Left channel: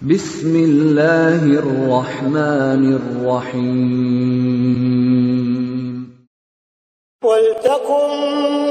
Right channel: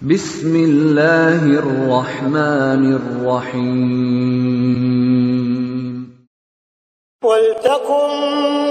Bismillahirrahmanirrahim. Waltakum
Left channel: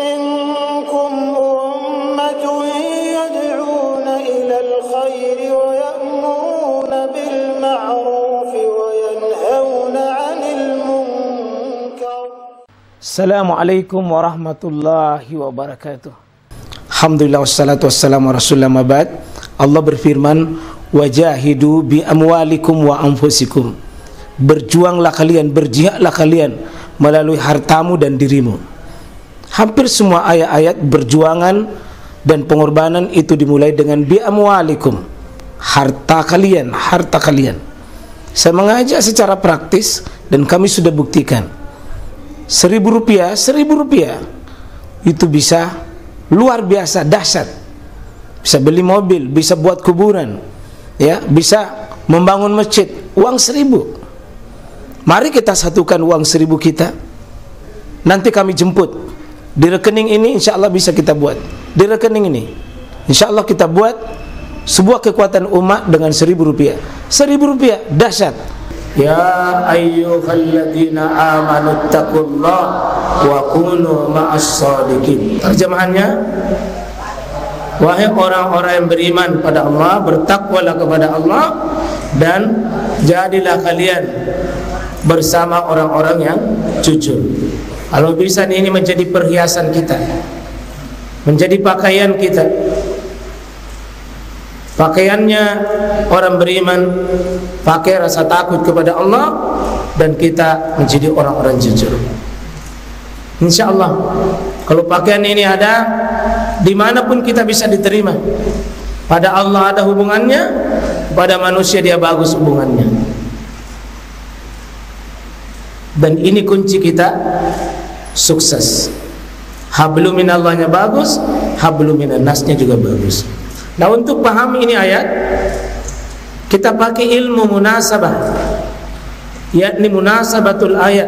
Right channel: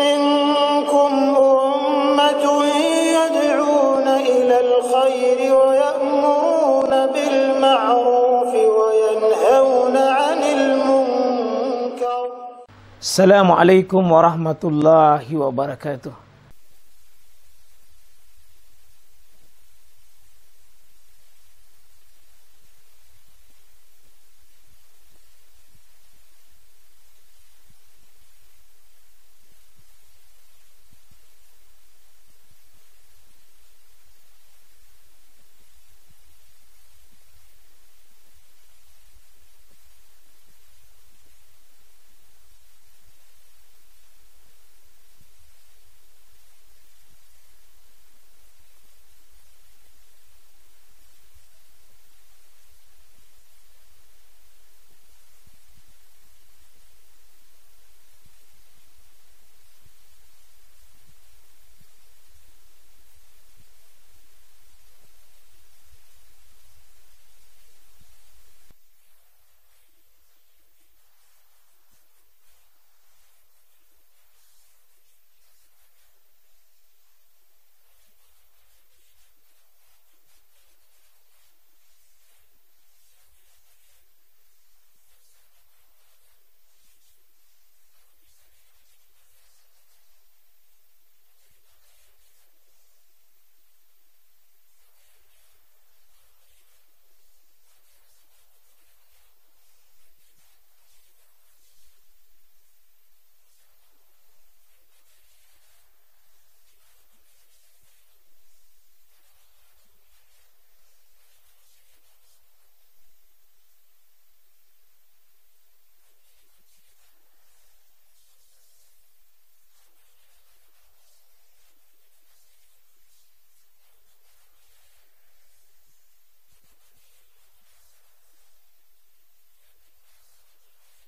minkum ummatun yad'una ilal khairi wa ya'muruna bil ma'ruf wa yanhauna 'anil munkar. Assalamualaikum warahmatullahi wabarakatuh. Alhamdulillah wassalatu wassalamu ala rasulillah mabad. Allah berfirman, wajahidu bi amwalikum wa anfusikum. Berjuanglah kalian, berjihadlah kalian melalui hartamu dan dirimu. Hampir semua ayat-ayat berjuangan dan pengorbanan itu dimulai dengan bi amwalikum, harta kalian, harta kalian. Saya mengajak secara praktis dan kami sudah buktikan. Rp1.000 itu bisa luar biasa dahsyat. Bisa beli mobil, bisa buat kuburan, ya, bisa membangun masjid. Uang 1.000. Mari kita satukan uang 1.000 kita. Nanti kami jemput di rekening ini, insya Allah bisa kita buat. Di rekening ini, insya Allah kita buat sebuah kekuatan umat dengan Rp1.000. Rp1.000 dahsyat. Ya ayyuhalladzina amanu taqullah wa kunu ma'as shadiqin. Terjemahannya, wahai orang-orang yang beriman pada Allah, bertakwalah kepada Allah dan jadilah kalian bersama orang-orang yang jujur. Kalau bisa ini menjadi perhiasan kita, menjadi pakaian kita. Pakaiannya orang beriman, pakai rasa takut kepada Allah, dan kita menjadi orang-orang jujur. Insya Allah, kalau pakaian ini ada, dimanapun kita bisa diterima. Pada Allah ada hubungannya, pada manusia dia bagus hubungannya. Dan ini kunci kita sukses. Hablum minallahnya bagus, hablum minan nasnya juga bagus. Nah, untuk paham ini ayat, kita pakai ilmu munasabah, yakni munasabatul ayat,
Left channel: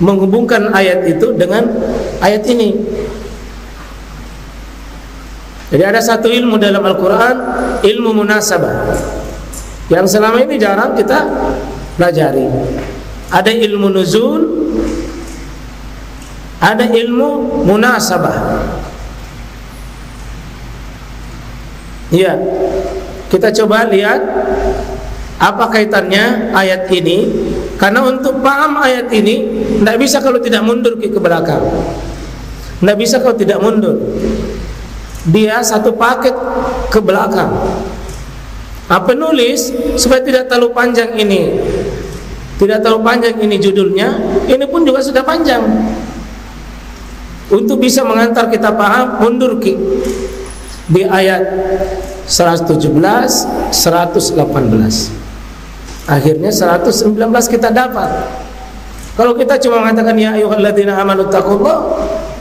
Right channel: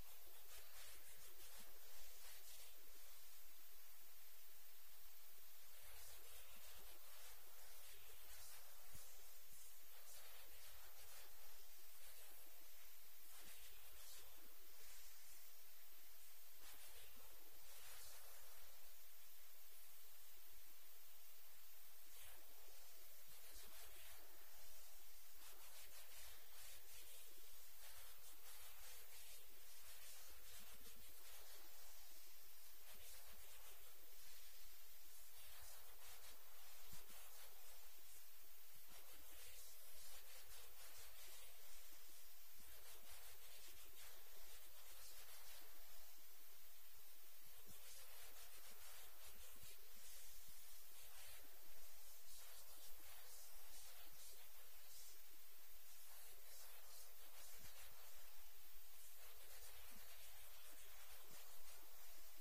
menghubungkan ayat itu dengan ayat ini. Jadi ada satu ilmu dalam Al-Quran, ilmu munasabah, yang selama ini jarang kita pelajari. Ada ilmu nuzul, ada ilmu munasabah. Ya, kita coba lihat apa kaitannya ayat ini. Karena untuk paham ayat ini, tidak bisa kalau tidak mundur ke belakang. Tidak bisa kalau tidak mundur. Dia satu paket ke belakang. Penulis supaya tidak terlalu panjang ini, tidak terlalu panjang ini judulnya, ini pun juga sudah panjang. Untuk bisa mengantar kita paham, mundur ke di ayat 117, 118. Akhirnya 119 kita dapat. Kalau kita cuma mengatakan ya ayyuhalladzina amanu taqullah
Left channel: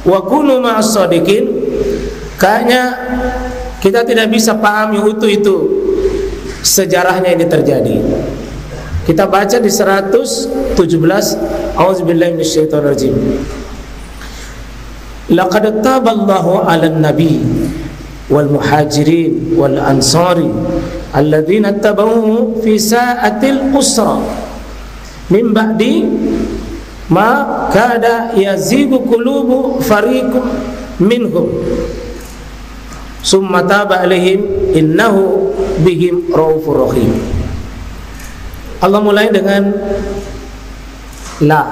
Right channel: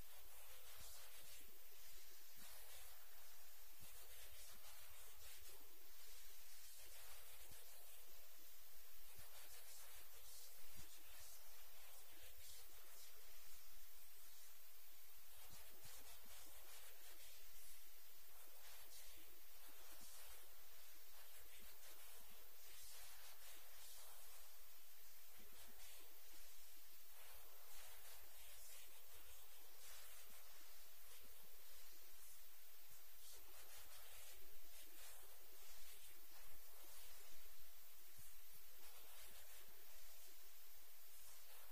wa kunu ma'as shadiqin, kayaknya kita tidak bisa pahami utuh itu sejarahnya ini terjadi. Kita baca di 117, auzubillahi minasyaitonir rajim. Laqad taballahu 'alan nabi wal muhajirin wal ansari alladzina tabauhu fi sa'atil usra min ba'di ma kada yazigu qulubu fariqum minhum summa taba alaihim innahu bihim raufur rahim. Allah mulai dengan la,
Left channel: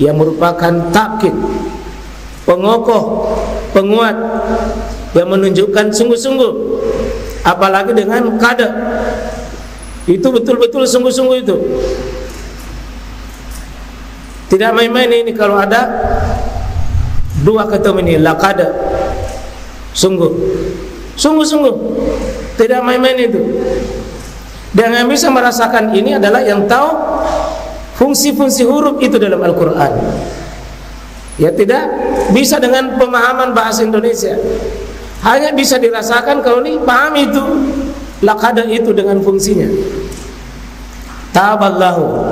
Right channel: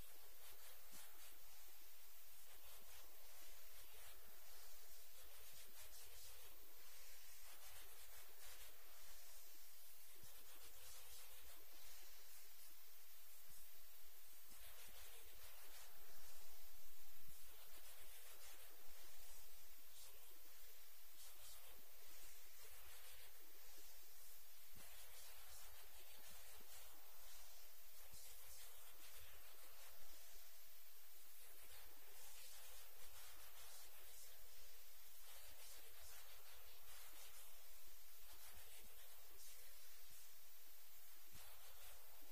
yang merupakan takkid, pengokoh, penguat, yang menunjukkan sungguh-sungguh. Apalagi dengan kada, itu betul-betul sungguh-sungguh itu. Tidak main-main ini kalau ada dua ketemu ini, laqad, sungguh, sungguh-sungguh, tidak main-main itu. Dan yang bisa merasakan ini adalah yang tahu fungsi-fungsi huruf itu dalam Al-Quran. Ya, tidak bisa dengan pemahaman bahasa Indonesia. Hanya bisa dirasakan kalau ini paham itu, laqad itu dengan fungsinya. Taballahu,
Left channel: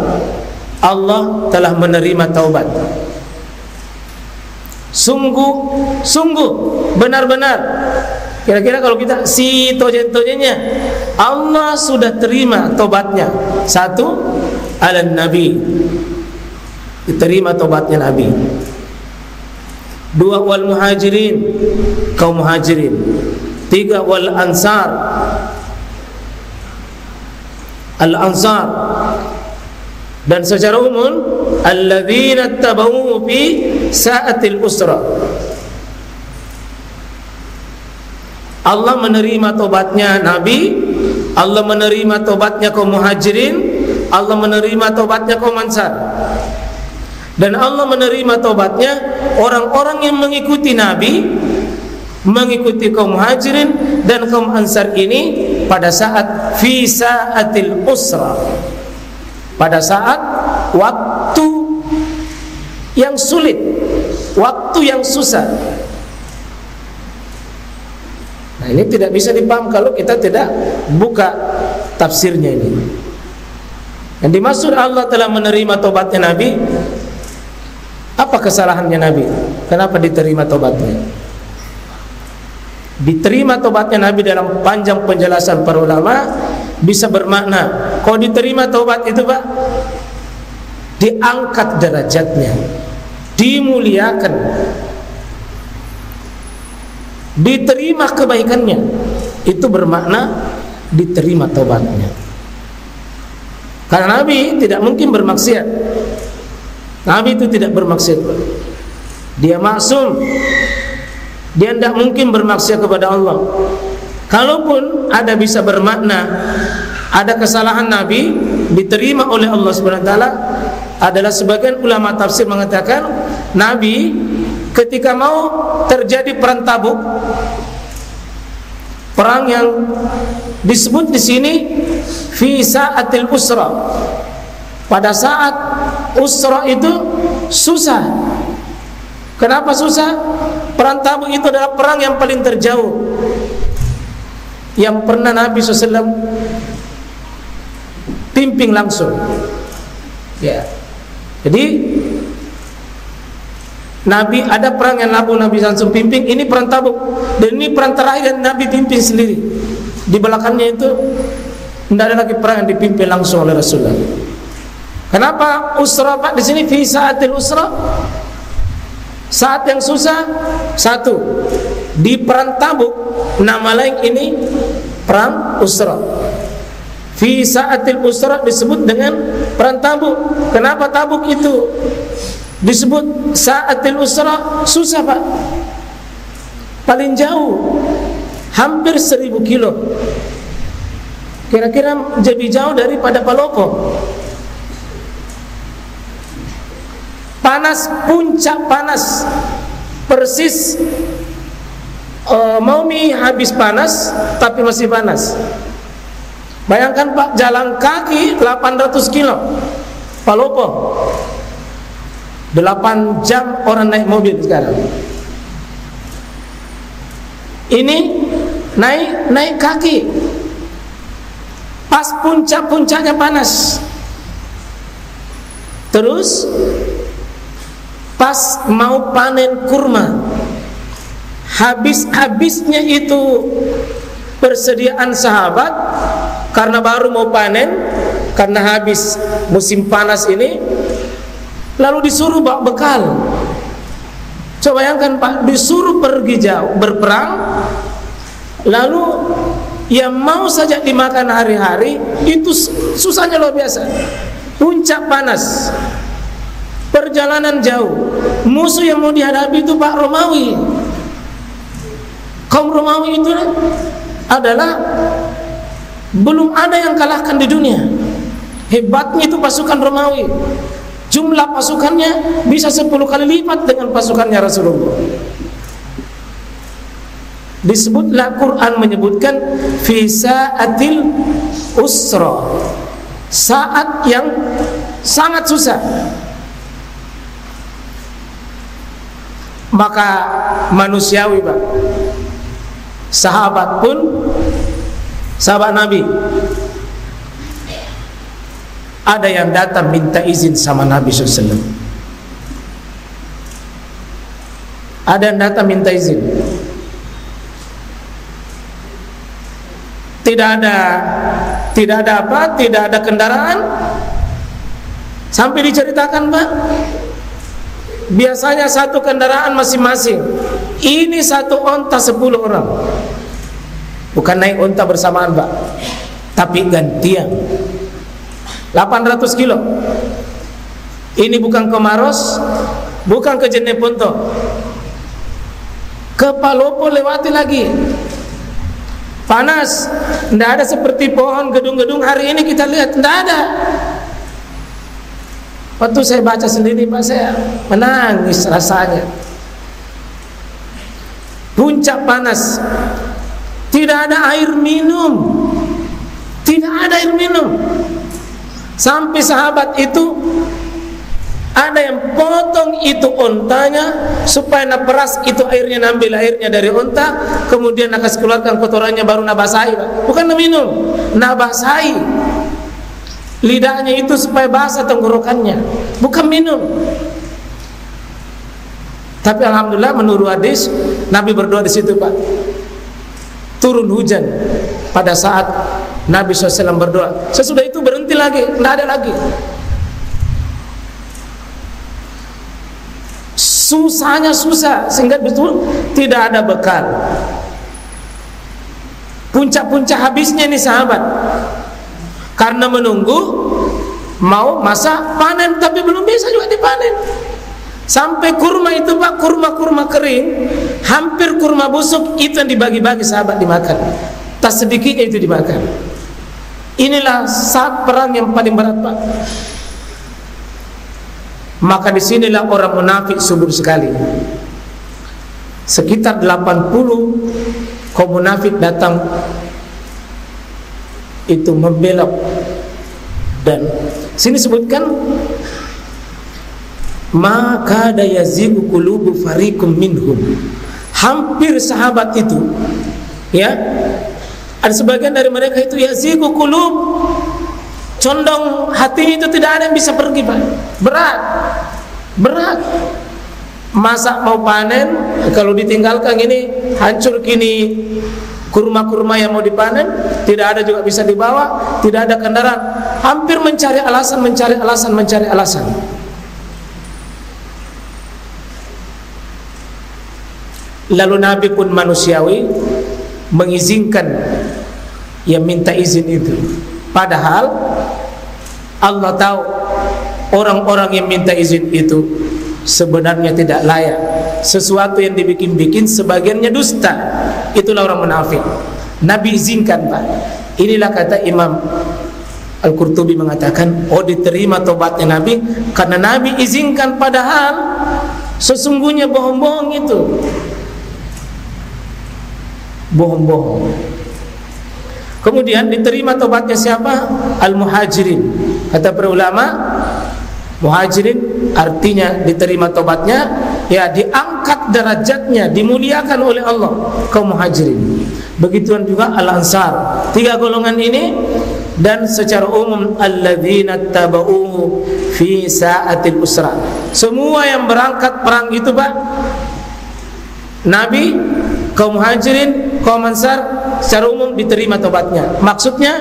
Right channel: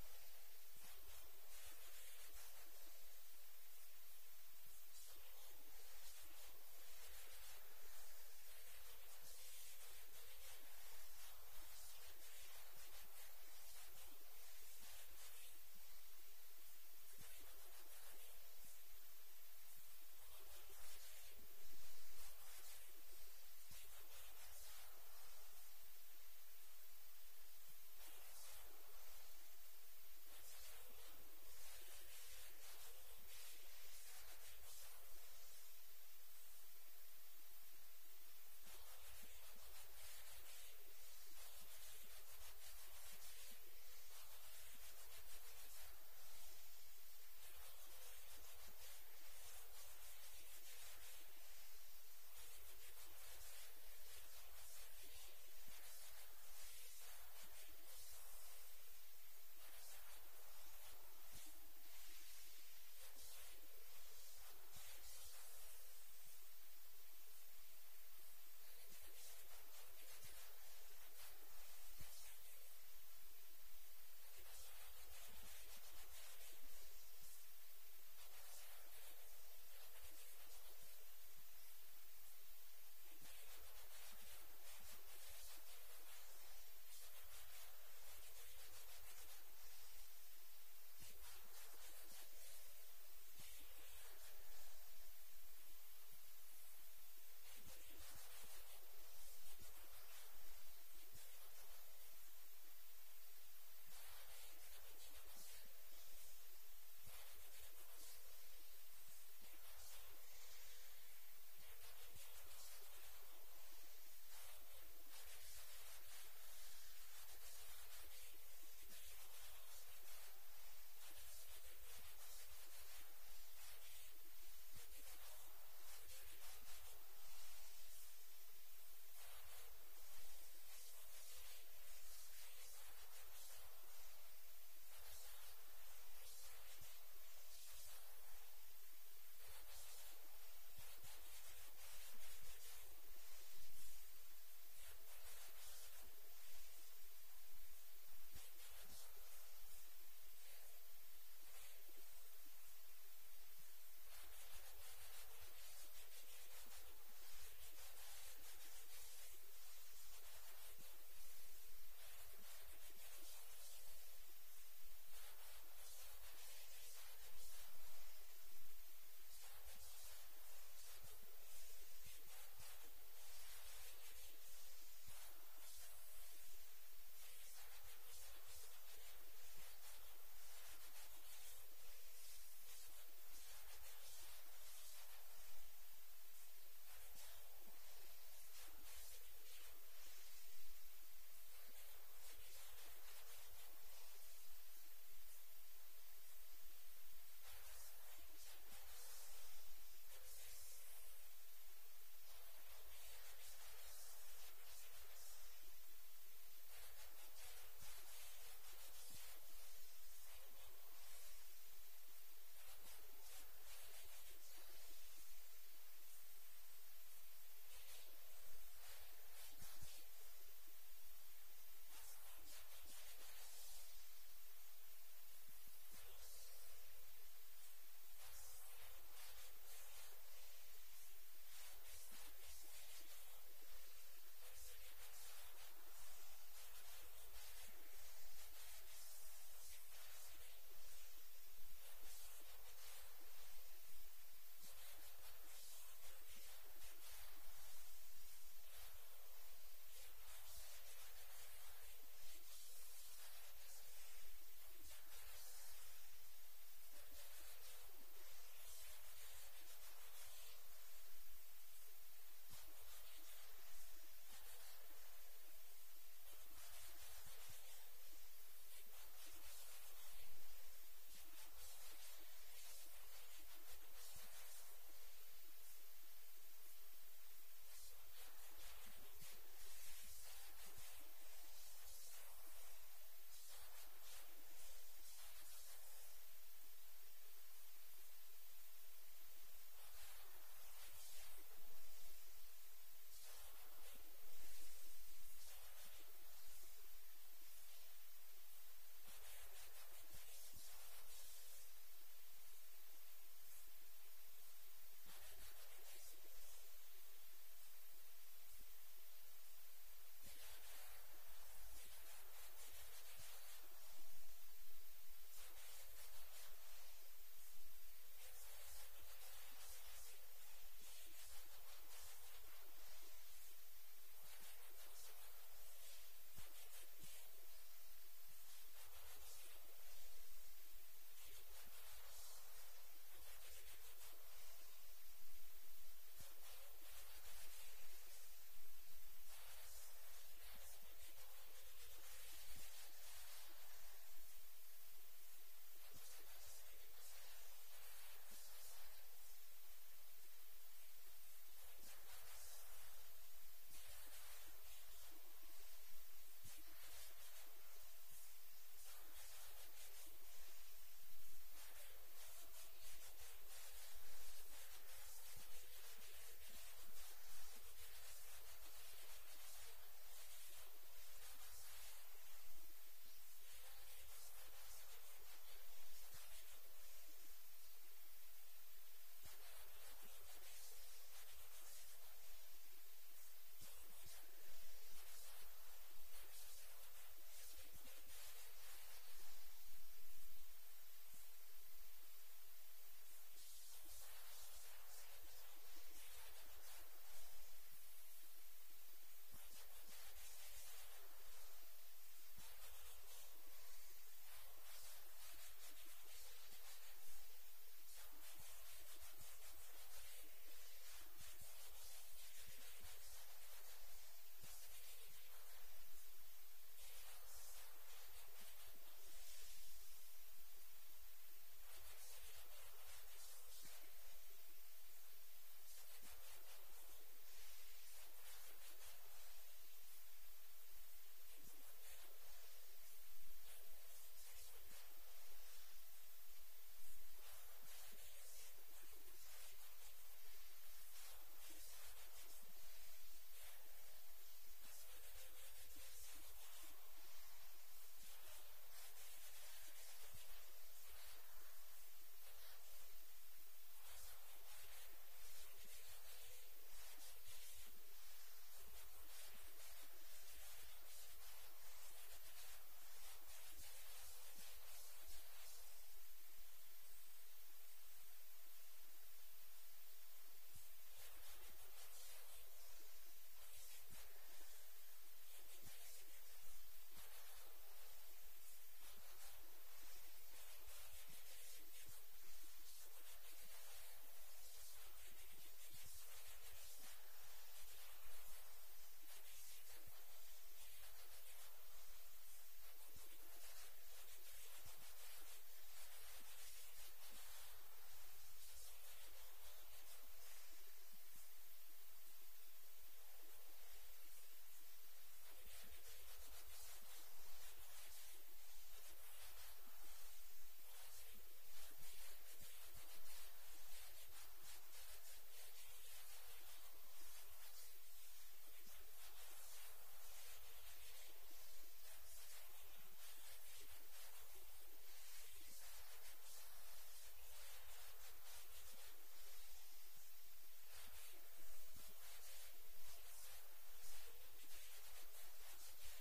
Allah telah menerima taubat. Sungguh, sungguh, benar-benar. Kira-kira kalau kita si tojen-tojennya, Allah sudah terima tobatnya. Satu, ala Nabi, diterima tobatnya Nabi. Dua, wal muhajirin, kaum muhajirin. Tiga, wal ansar, al ansar. Dan secara umum, alladzina tabau fi sa'atil usra. Allah menerima tobatnya Nabi, Allah menerima tobatnya kaum muhajirin, Allah menerima tobatnya kaum ansar. Dan Allah menerima tobatnya orang-orang yang mengikuti Nabi, mengikuti kaum muhajirin dan kaum ansar ini pada saat fi sa'atil usra, pada saat waktu yang sulit, waktu yang susah. Nah, ini tidak bisa dipaham kalau kita tidak buka tafsirnya ini. Yang dimaksud Allah telah menerima tobatnya Nabi, apa kesalahannya Nabi? Kenapa diterima tobatnya? Diterima tobatnya Nabi dalam panjang penjelasan para ulama bisa bermakna, kalau diterima tobat itu Pak, diangkat derajatnya, dimuliakan, diterima kebaikannya. Itu bermakna diterima tobatnya. Karena Nabi tidak mungkin bermaksiat. Nabi itu tidak bermaksiat. Dia maksum. Dia tidak mungkin bermaksiat kepada Allah. Kalaupun ada bisa bermakna ada kesalahan Nabi diterima oleh Allah Subhanahu wa taala, adalah sebagian ulama tafsir mengatakan Nabi ketika mau terjadi perang Tabuk, perang yang disebut di sini fi sa'atil usra, pada saat usra itu susah. Kenapa susah? Perang Tabuk itu adalah perang yang paling terjauh yang pernah Nabi SAW pimpin langsung. Ya. Jadi Nabi ada perang yang Nabi langsung pimpin, ini perang Tabuk, dan ini perang terakhir yang Nabi pimpin sendiri. Di belakangnya itu tidak ada lagi perang yang dipimpin langsung oleh Rasulullah. Kenapa usra Pak di sini fi sa'atil usra? Saat yang susah. Satu, di perang Tabuk nama lain ini perang usra. Fi sa'atil usra disebut dengan perang Tabuk. Kenapa Tabuk itu disebut sa'atil usra? Susah Pak, paling jauh, hampir 1000 kilo, kira-kira lebih jauh daripada Palopo. Panas, puncak panas, persis mau habis panas tapi masih panas. Bayangkan Pak, jalan kaki 800 kilo Palopo, 8 jam orang naik mobil sekarang. Ini naik kaki, pas puncak-puncaknya panas. Terus pas mau panen kurma, habis-habisnya itu persediaan sahabat, karena baru mau panen, karena habis musim panas ini, lalu disuruh bawa bekal. Coba bayangkan Pak, disuruh pergi jauh berperang, lalu yang mau saja dimakan hari-hari itu susahnya luar biasa. Puncak panas, perjalanan jauh, musuh yang mau dihadapi itu Pak Romawi. Kaum Romawi itu adalah belum ada yang kalahkan di dunia. Hebatnya itu pasukan Romawi. Jumlah pasukannya bisa 10 kali lipat dengan pasukannya Rasulullah. Disebutlah Quran menyebutkan fi sa'atil usra, saat yang sangat susah. Maka manusiawi Pak, sahabat pun, sahabat Nabi, ada yang datang minta izin sama Nabi SAW. Ada yang datang minta izin. tidak ada kendaraan. Sampai diceritakan, Pak, biasanya satu kendaraan masing-masing. Ini satu onta 10 orang. Bukan naik onta bersamaan, Pak, tapi gantian. 800 kilo. Ini bukan ke Maros, bukan ke Jeneponto, ke Palopo lewati lagi. Panas, tidak ada seperti pohon, gedung-gedung hari ini kita lihat, tidak ada. Waktu saya baca sendiri, Pak, saya menangis rasanya. Puncak panas, tidak ada air minum, tidak ada air minum. Sampai sahabat itu ada yang potong itu ontanya supaya naperas itu airnya, nambil airnya dari onta, kemudian nak keluarkan kotorannya baru nabasahi, Pak. Bukan minum, nabasahi lidahnya itu supaya basah tenggorokannya, bukan minum. Tapi alhamdulillah menurut hadis Nabi berdoa di situ, Pak. Turun hujan pada saat Nabi SAW berdoa. Sesudah itu berhenti lagi, tidak ada lagi. Susahnya susah sehingga betul tidak ada bekal. Puncak-puncak habisnya ini sahabat, karena menunggu mau masa panen tapi belum bisa juga dipanen. Sampai kurma itu, Pak, kurma kering, hampir kurma busuk itu yang dibagi-bagi sahabat dimakan. Tak sedikitnya itu dimakan. Inilah saat perang yang paling berat, Pak. Maka disinilah orang munafik subur sekali. Sekitar 80 kaum munafik datang itu membelok. Dan sini sebutkan maka dayazigu qulubu fariqum minhum. Hampir sahabat itu, ya, ada sebagian dari mereka itu yazigu qulub, condong hati itu tidak ada yang bisa pergi, Pak. Berat. Masa mau panen, kalau ditinggalkan ini hancur kini kurma-kurma yang mau dipanen, tidak ada juga bisa dibawa, tidak ada kendaraan. Hampir mencari alasan. Lalu Nabi pun manusiawi mengizinkan yang minta izin itu. Padahal Allah tahu orang-orang yang minta izin itu sebenarnya tidak layak. Sesuatu yang dibikin-bikin sebagiannya dusta. Itulah orang munafik. Nabi izinkan, Pak. Inilah kata Imam Al-Qurtubi mengatakan, oh, diterima tobatnya Nabi karena Nabi izinkan, padahal sesungguhnya bohong-bohong itu. Bohong-bohong. Kemudian diterima tobatnya siapa? Al-Muhajirin. Kata para ulama, Muhajirin artinya diterima tobatnya, ya, diangkat derajatnya, dimuliakan oleh Allah kaum Muhajirin. Begituan juga Al-Ansar. 3 golongan ini, dan secara umum alladzina tabauhu fi sa'atil usra. Semua yang berangkat perang itu, Pak, Nabi, kaum Muhajirin, kaum Ansar secara umum diterima tobatnya. Maksudnya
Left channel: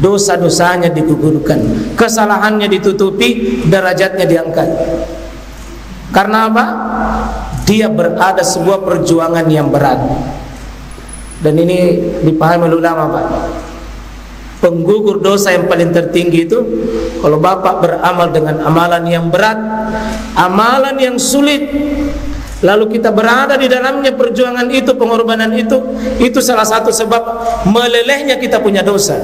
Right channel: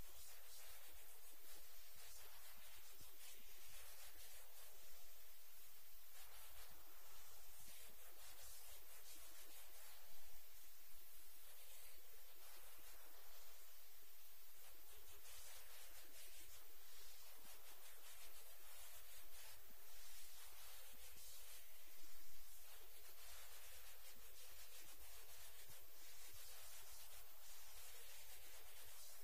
dosa-dosanya digugurkan, kesalahannya ditutupi, derajatnya diangkat. Karena apa? Dia berada sebuah perjuangan yang berat. Dan ini dipahami oleh ulama, Pak. Penggugur dosa yang paling tertinggi itu kalau Bapak beramal dengan amalan yang berat, amalan yang sulit, lalu kita berada di dalamnya perjuangan itu, pengorbanan itu salah satu sebab melelehnya kita punya dosa,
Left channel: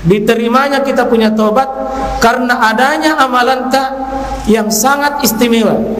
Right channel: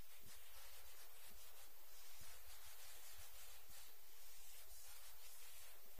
diterimanya kita punya tobat karena adanya amalan tak yang sangat istimewa.